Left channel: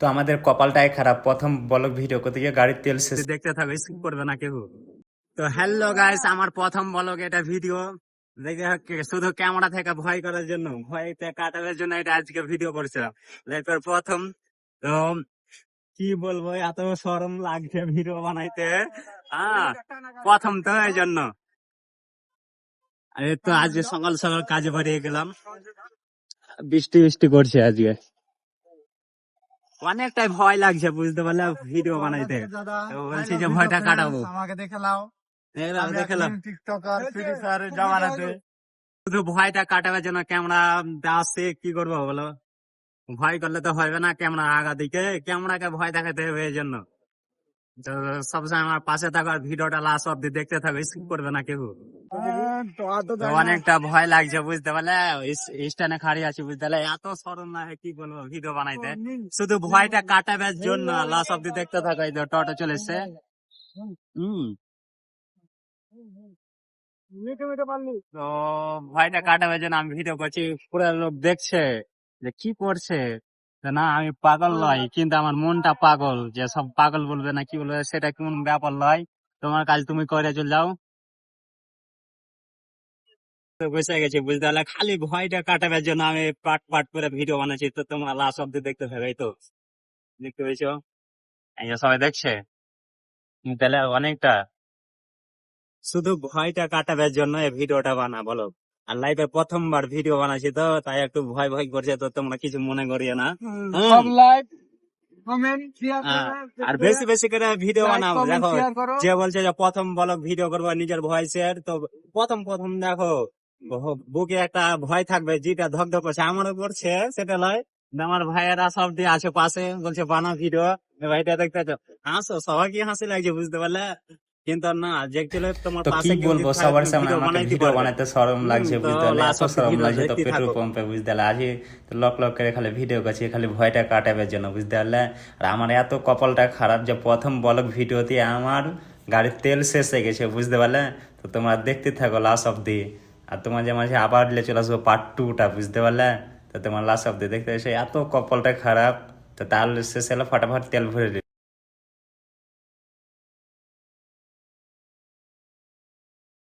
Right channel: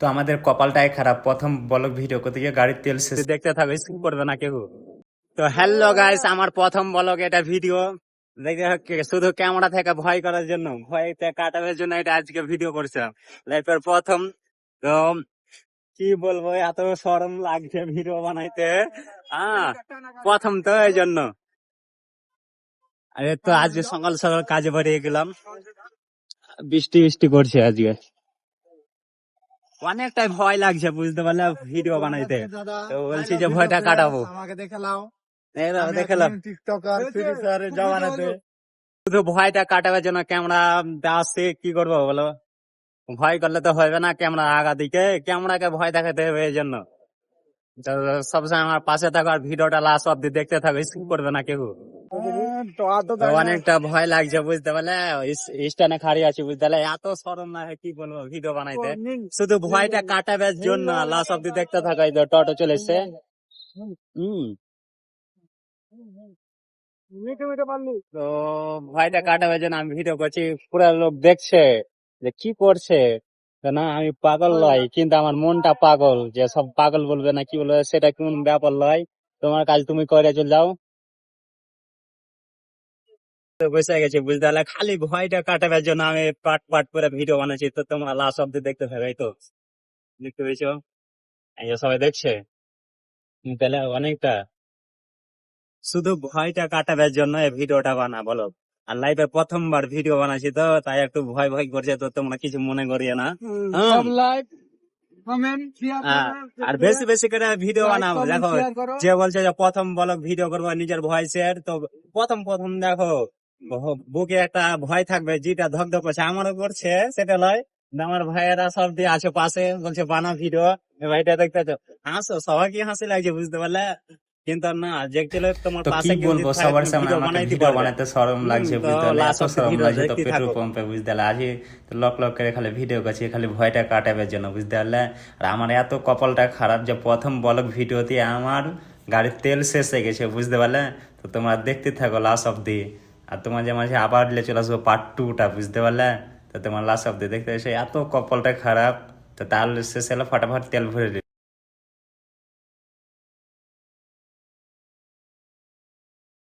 তো আমাদের কপালটাই খারাপ, প্রথম ব্লগ ভিডিও করতে গিয়ে গাড়ির তেল শেষ। দেখতে থাকো, স্কিপ করবে না কেউ। তো হ্যালো গাইস, আমার প্রথম ব্লগ এটা ভিডিও। দেখতে শুধু ক্যামেরা থেকে ভয় করার জন্য, ভয়তে কাটানোর জন্য এটা আজকে ভিডিও করছিলাম, লাইফের প্রথম। তো কি বলবো, এত শরম লাগছে ভিডিও বানাইতে। হ্যাঁ, প্রথম তো এই জন্য। আরে তো আজকে সকাল সকাল কাজে বেরিয়ে গেলাম, বৃষ্টি বৃষ্টি করছে আজকে, অনেকটাই ভয় লাগছে বুঝতে পারলে ভিডিও বানাইতে। তো বলছি যে ভয়টা কাটাবো। আমাকে দেখে নাও, দেখে নাও। টিকটকার ফ্রি ফায়ারের জামানাতে শুধু ভয়টা কাটাবার জন্য ক্যামেরা আসছে, কি করবো বলো? ভয় করলে তো হবে না, ক্যামেরা আগা দিকে, ক্যামেরাকে ভয় দেখাতে হবে এই জন্য। তো সবসময় আমার পাশে থাকো আর ভিডিওটা লাস্ট অব্দি দেখতে থাকো, স্কিপ করবে না কেউ। তো অনেকটা ভয় লাগছে বুঝতে পারলে, স্ট্যান্ডে খাড়ি আছি বুঝতে পারলে, এত শরম লাগে কি বলবো ভিডিও বানাইতে। শুধু ভয়টা কাটাবার জন্য লাস্ট অব্দি দেখতে থাকো। এই তো টোটো চলে এসছে। তো ভয়টা কাটাবার জন্য আমি ভিডিও করছি, পুরো লোক দেখছে যে কি করছে। তো না, আমি পাগল লয়, কিন্তু আমার মনটা পাগল, যে সব পাগল বলবে না কি বলবে সেটা কোন ব্যাপার লয়। তোমার কাজ তুমি করে চলে যাও। তো বসে গেছি বুঝতে পারলে, খালি ভয়টা কাটাবার জন্য আমি পাট পাট করে ভিডিও বানাচ্ছি। তো তোমরা লাস্ট অব্দি দেখতে থাকো। এই তো দেখতে পেয়েছো, এই যে সবাই দেখছে, তাহলে অনেকটা শুধু ভয়টা কাটাবার জন্য এই ভিডিওটা বানা বলো। আর লাইফে প্রথমবার ভিডিও বানাচ্ছি, তো তাই একটু ভয় ভয় করছে, তো তোমরা কিছু মনে করিও না। সব লাইক কমেন্ট শেয়ার আর বেশি বেশি করে ভিডিও বানাও। দেখো, শেয়ার করো। যে বলছে যে প্রথম ব্লগ ভিডিও করবো নিজের ভয়েসের, তো প্রথম প্রথম দেখো বুকে একটা ভয় থাকবে, যেটা ধকধক করছে, আমারও করছে, সেটা লয়। আমার ভাইয়েরা সব দিয়ে আছে পাশে, বলছে বানা ভিডিও, ভাইটা দেখতে হাসো, সবাইকে হাসি লাগছে বুঝতে পারলে। কিন্তু না, দেখছিলে তোমার তো কি পাশে কেউ বলবো, যদি থাকে, সবার তুমি সামনে ভিডিও আমাকে বানাইতে ভিডিও পারবে। বানাতে শরম লাগছে তো বুঝতে পারলে, এত লাস্ট অব্দি শরম ভিডিও লাগছে। তো দেখতে পেট্রোল থাকো। পাম্পে বুঝতে পারলে আজ লক লক করে খালি ভিডিও করছি, খালি ভয়টা কাটাবার জন্য বুঝতে পারলে। আর আমার এত কপালটা খারাপ যে প্রথম ব্লগ ভিডিওতে আমার গাড়ির তেল শেষ হয়ে গেছে বুঝতে পারলে। তো তোমরা দেখতে থাকো লাস্ট অব্দি। আর তোমার যে মাঝে আবার চলে আসবো পার্ট 2টা বুঝতে পারলে। তো তোমার লাস্ট অব্দি দেখতে এসে এত কপালটা খারাপ। তো তার শেষ হলো, ফটাফট তেল ভরে